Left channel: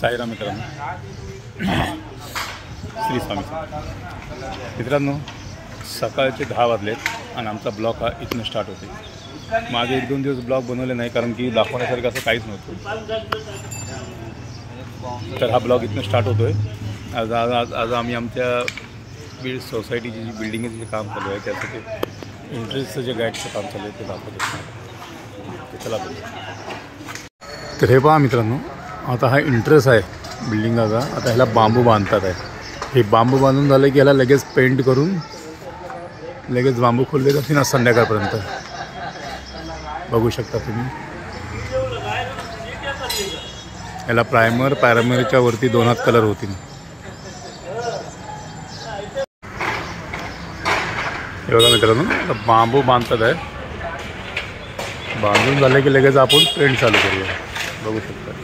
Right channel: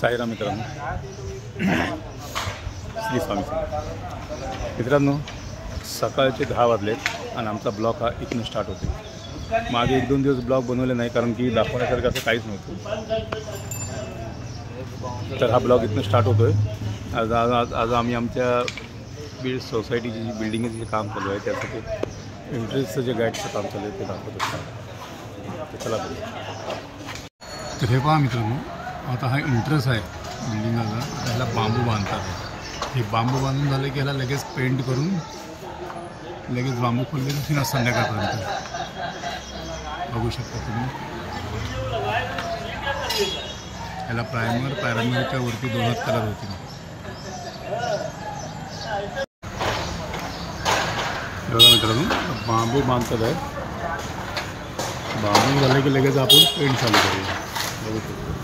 साईराम मित्रांनो, श्री स्वामी मित्रांनो, सकाळचे 10 वाजलेत आणि आमचा ब्लॉग हा इथून स्टार्ट होते। मागे 1-2 दिवस ब्लॉग बनवले नाही कारण की दाखवण्यासारखं असं काहीच नव्हतं। तर हा ब्लॉग इथून स्टार्ट होतोय। आज आम्ही आमच्या बीड सोसायटीची जी बिल्डिंग आहे तिथे काम चालू आहे, त्यासाठी इंटरेस्टचं जे गाईडचं काम चालू आहे ते दाखवत असतात। ते चला तर हे पहा मित्रांनो, आता हा इंटरेस्ट आहे बिल्डिंगला। आता ह्याला बांबू बांधतात आहे। हे बांबू बांधून झालं की ह्याला लगेच पेंट करून लगेच बांबू खोलले जातील ना संध्याकाळपर्यंत। बघू शकता तुम्ही, याला प्रायमरच्या वरती 2 हात कलर होतील। हे बघा मित्रांनो, बांबू बांधतात आहे। बांधून झाले की लगेच आपण पेंट चालू करूया। बघू शकता।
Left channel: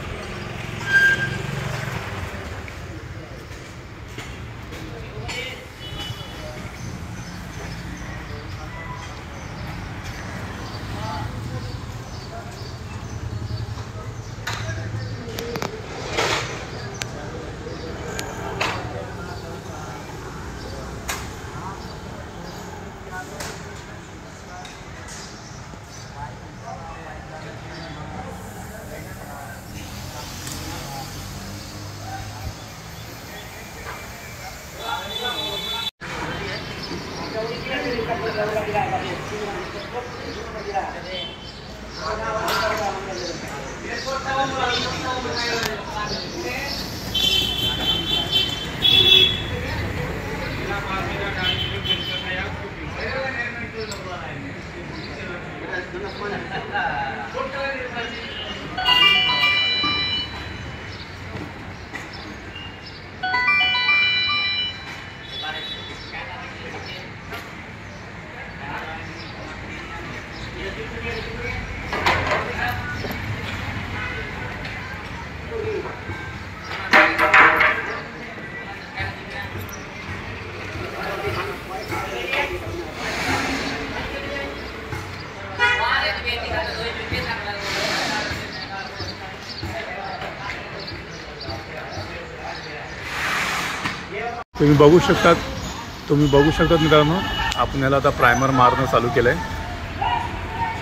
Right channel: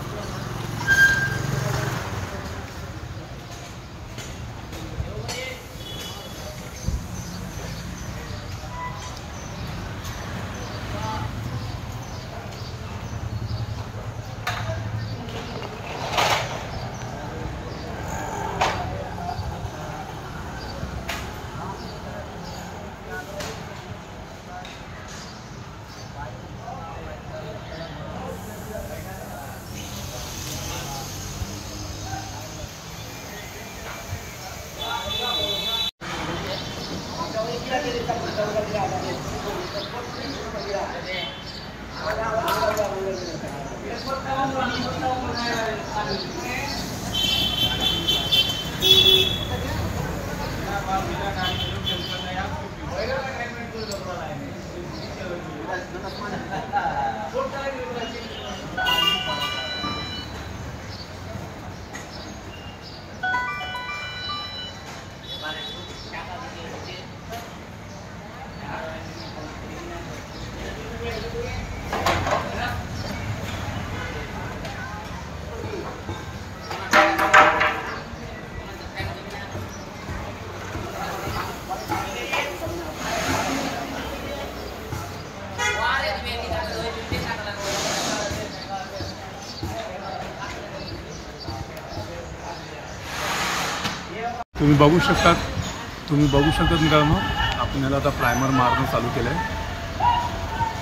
तुम्ही बघू शकतात मित्रांनो, आपण याला आता प्रायमर मारणं चालू केलं आहे।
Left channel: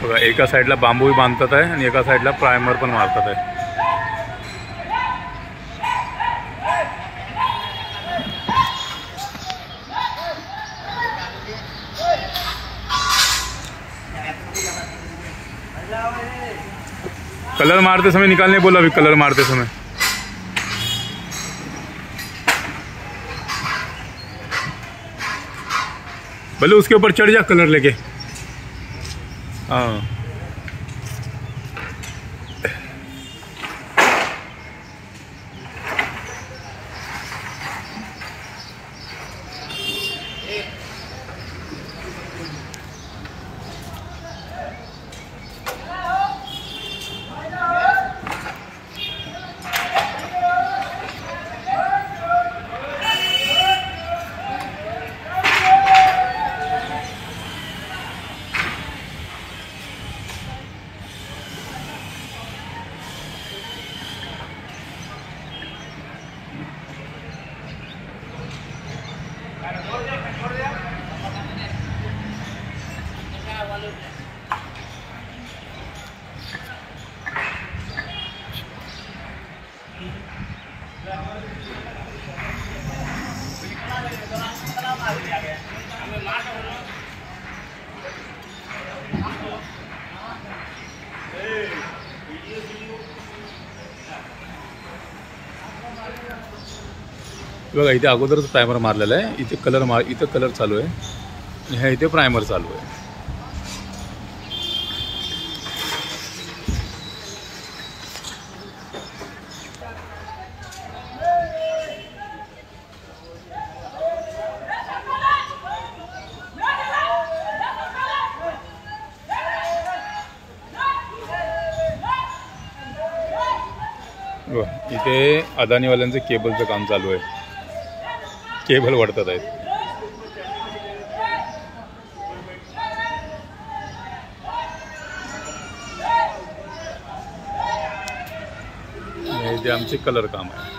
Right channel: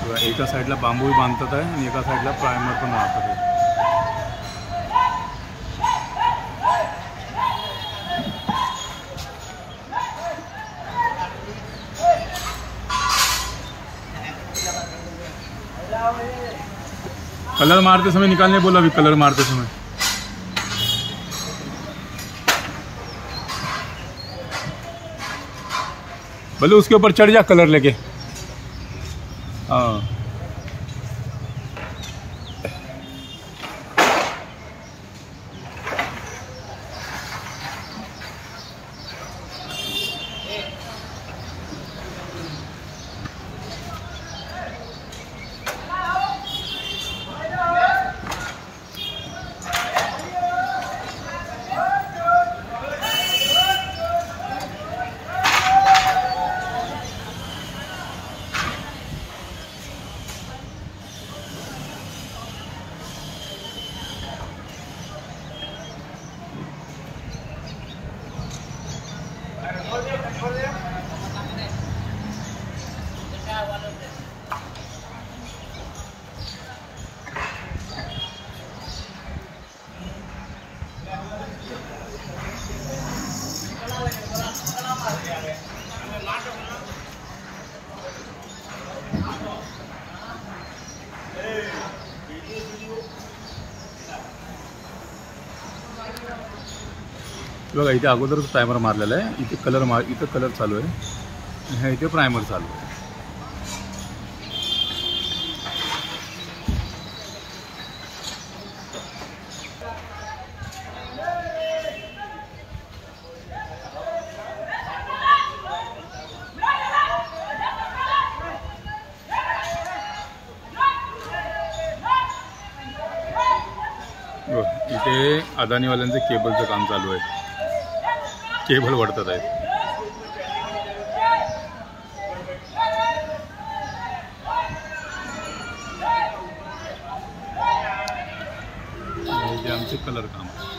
बघा, एका साईडला बांबूही बांधतात आहे आणि एका साईडला प्रायमर पण मारतात आहे। कलर मारते समय निकालने बोला, अभी कलर मारते समय भले उसके ऊपर चढ़ जा कलर लेके। हाँ, बघा इथे अगोदरच प्रायमर मारलेला आहे। इथे कलर चालू आहे आणि ह्या इथे प्रायमर चालू आहे। इथे अदानीवाल्यांचं केबलचं काम चालू आहे। केबल वडतात आहेत। ते आमचे कलर काम आहे.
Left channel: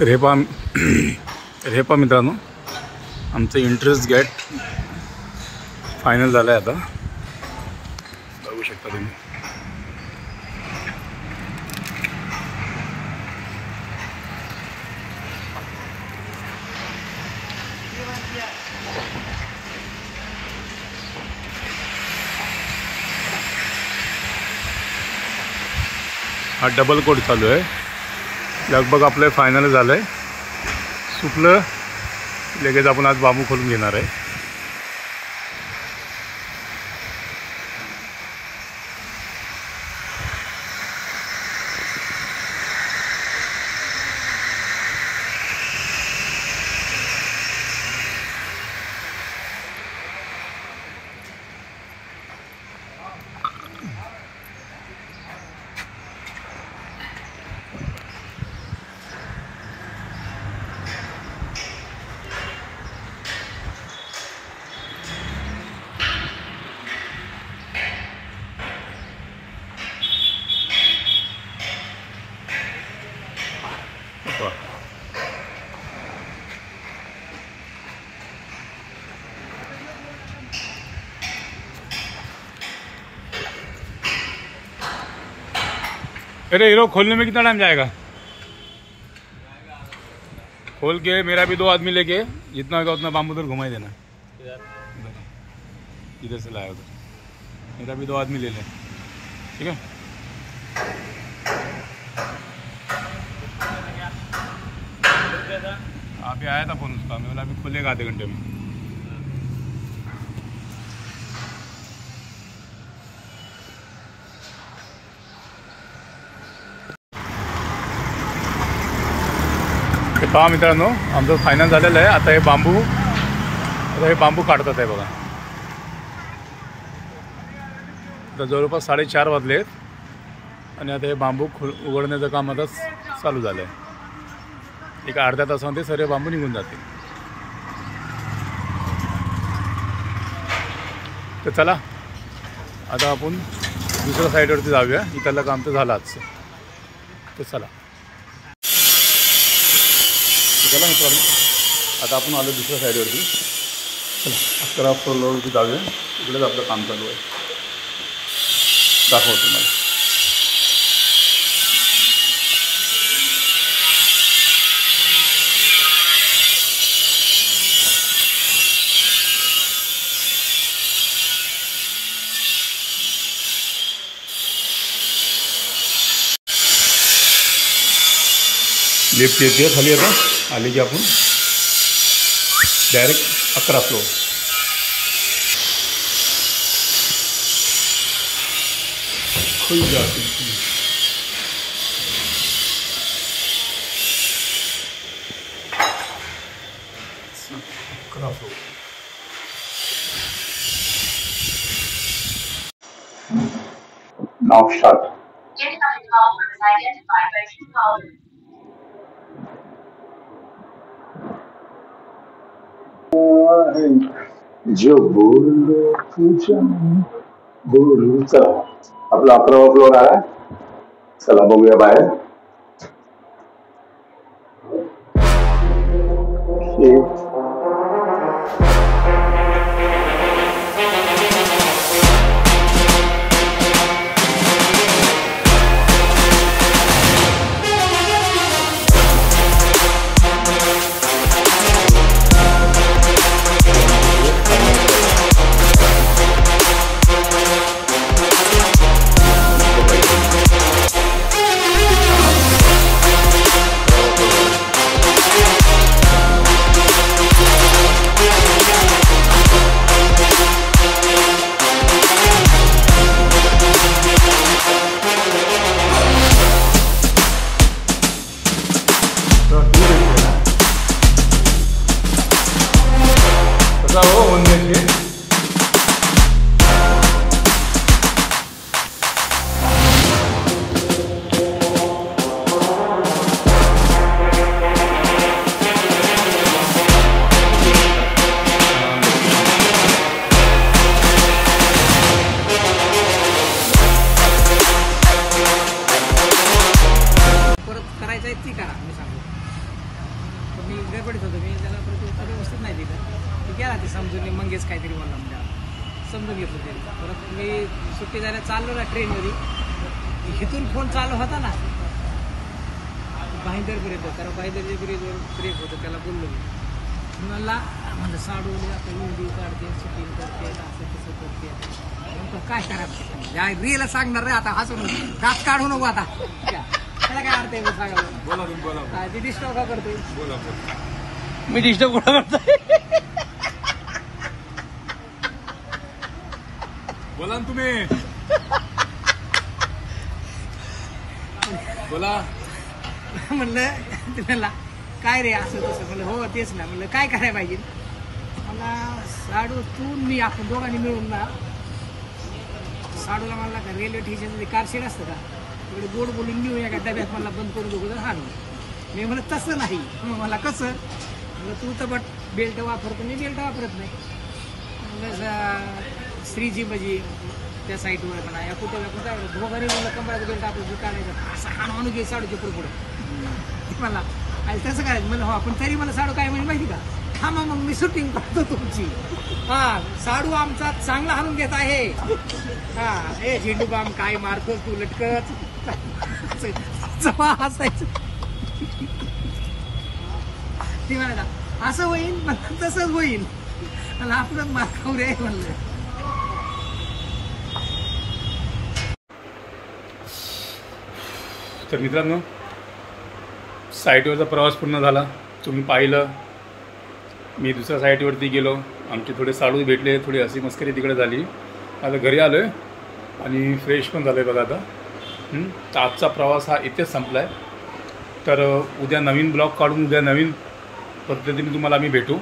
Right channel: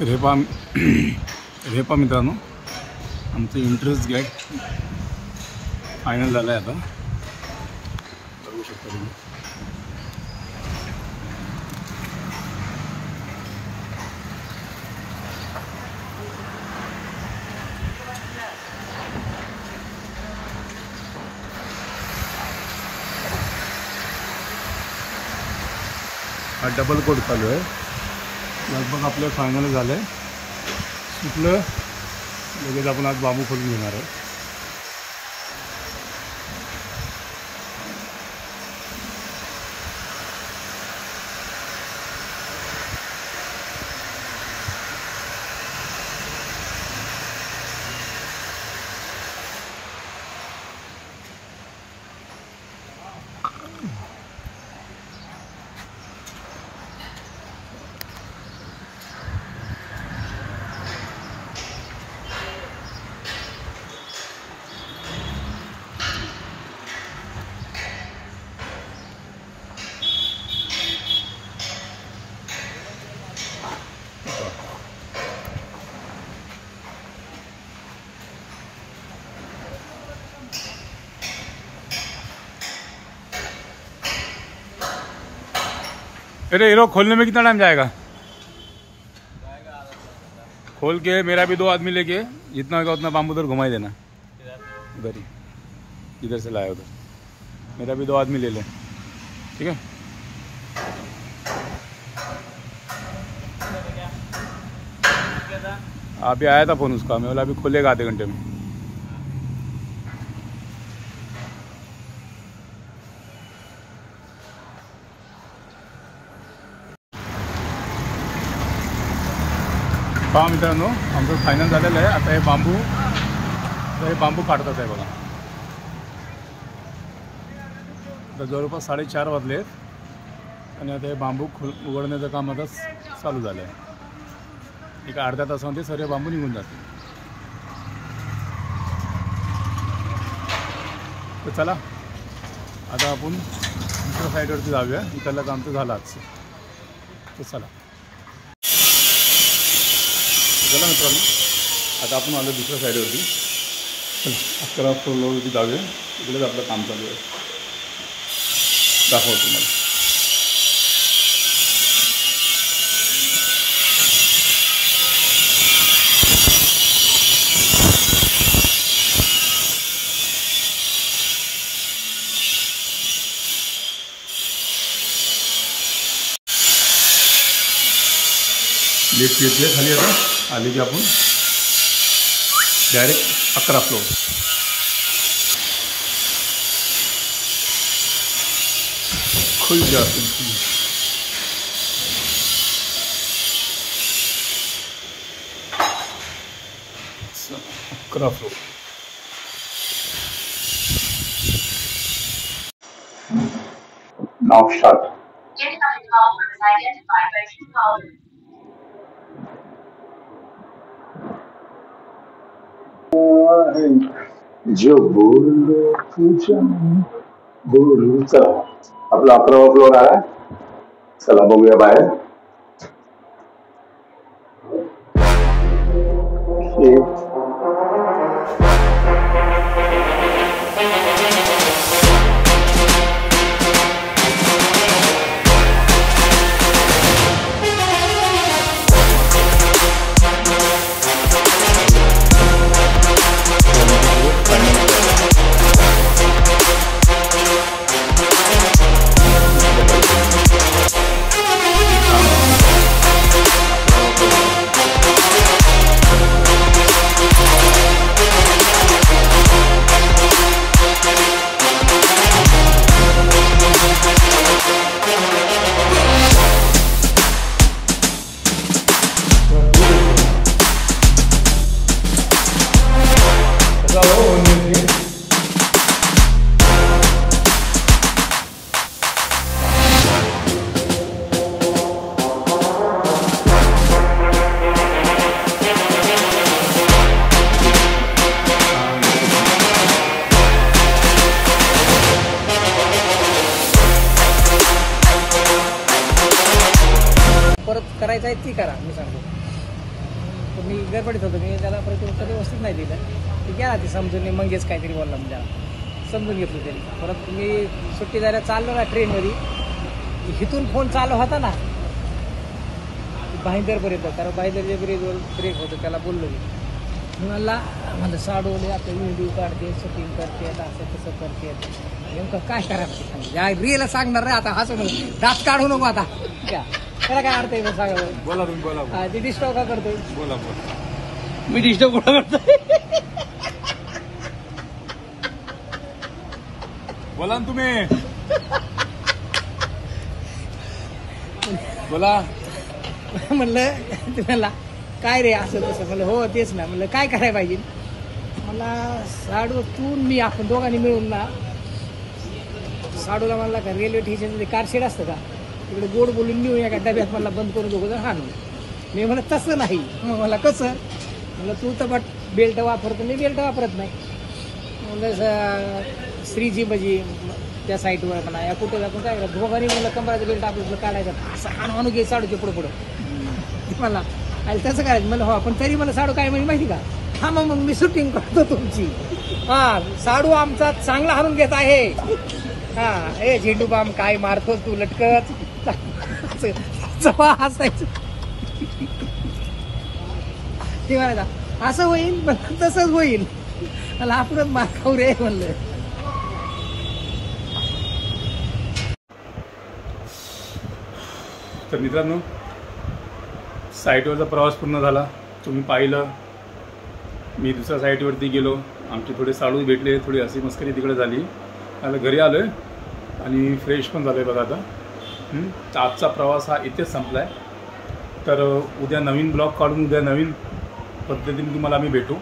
तर हे पहा मित्रांनो, आमचं इंटरेस्ट गेट फायनल झालं आहे. आता बघू शकता तुम्ही. हा डबल कोट चालू आहे. लगभग आपलं फायनल झालं आहे. सुकलं लगेच आपण आज बांबू खोलून घेणार आहे. अरे हीरो, खोलने में कितना टाइम जाएगा? खोल के मेरा भी 2 आदमी लेके जितना होगा उतना बाम्बू उधर घुमाई देना. इधर इधर से लाया उधर. मेरा भी 2 आदमी ले ले, ठीक है? अभी आया था फ़ोन उसका, मैं बोला अभी खुलेगा आधे घंटे में. पहा मित्रांनो, आमचं फायनल झालेलं आहे. आता हे बांबू काढतात आहे बघा. आता जवळपास 4:30 वाजले आहेत आणि आता हे बांबू उघडण्याचं काम आता चालू झालं आहे. एक अर्ध्या तासामध्ये सर्व बांबू निघून जातील. तर चला आता आपण दुसऱ्या साईडवरती जाऊया. इथलं काम तर झालं आजचं. तर चला मित्रांनो, आता आपण आलो दुसऱ्या साईडवरती. चला 11 फ्लोअरवरती जाऊया. इकडेच आपलं काम चालू आहे. दाखवतो तुम्हाला. लिफ्ट येते खाली. आता आले की आपण डायरेक्ट 11 फ्लोअर. खुल जाती 11 flour. Now start. Incoming call was identified by Truecaller. जो बोलो तुझ्या बोलू. चला आपला 11वा फ्लोअर आला. चला बघूया बाहेर. करायचं आहे ती करा. मी सांगू मी गडबडीत होतो. मी त्याला प्रतिउत्तर व्यवस्थित नाही दिलं. ती गेला ती समजून. मी मंगेच काहीतरी बोलला म्हणजे समजून घेतलं त्यांनी. परत मी सुट्टी जायला चाललो ना ट्रेनमध्ये, इथून फोन चालू होता ना भाईंदरपर्यंत. कारण भाईंदरच्या ब्रेकवर ब्रेक होतं. त्याला बोललो मी मला म्हणलं साडवले आपल्या व्हिडिओ काढते, शूटिंग करते, असं तसं करते. नेमकं काय करायचं रिअल सांगणार रे आता. हसून दात काढू नको आता. त्याला काय अर्थ आहे सांगायला. बोला तुम्ही बोला. ते डिस्टर्ब का करतोय. बोला मी डिस्टर्ब कुठं करतोय. बोला ना तुम्ही. बोला. म्हणलं तुम्हाला काय रे असं तसं. म्हणलं हो तेच ना. म्हणलं काय करायला पाहिजे. मला साडू तू मी आपण दोघांनी मिळून ना साडूला म्हणला का रेल्वे स्टेशनचं कारशेड असतं का तिकडे गोड बोलून नेऊ एका डब्यात मला बंद करून दोघं जर हाणू. मी म्हणलं तसं नाही. मग मला कसं. म्हणलं तू तर बट बेल्ट वापरतो. मी बेल्ट वापरत नाही. म्हणलं श्रीजी म्हणजे त्या साईटवर म्हणा या कुठे जाऊन काय करा दोघांनी म्हणलं कमराचं बेल्ट आपलं काढायचं असं आणू घे साडूच्या पुढं पुढं. मला आणि तसं करायचं. म्हणलं हो पण तरी मला साडू काय म्हणजे माहिती का. हा मग मी शूटिंग करतो तुमची. हा साडू आमचा चांगला हाणून घेत आहे. हा ए झेंडू बाम काय मारतोस तू लटकत. हसायचं ते म्हणायचा असं होईल तसंच होईल. मला आपण मारखाऊ रे म्हणलं. तर मित्रांनो साईटवरचा प्रवास पूर्ण झाला. तुम्ही पाहिलं. मी दुसऱ्या साईटवरती गेलो. आमचे थोडे साडू भेटले. थोडी हसी मस्करी तिकडे झाली. आता घरी आलो आहे आणि फ्रेश पण झालो आहे बघा आता. तर आजचा प्रवास हा इथेच संपला आहे. तर उद्या नवीन ब्लॉग काढून उद्या नवीन पद्धतीने तुम्हाला आम्ही भेटू.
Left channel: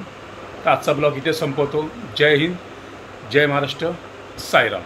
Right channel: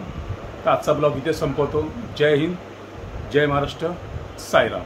तर आजचा ब्लॉग इथेच संपवतो. जय हिंद, जय महाराष्ट्र, साईराम.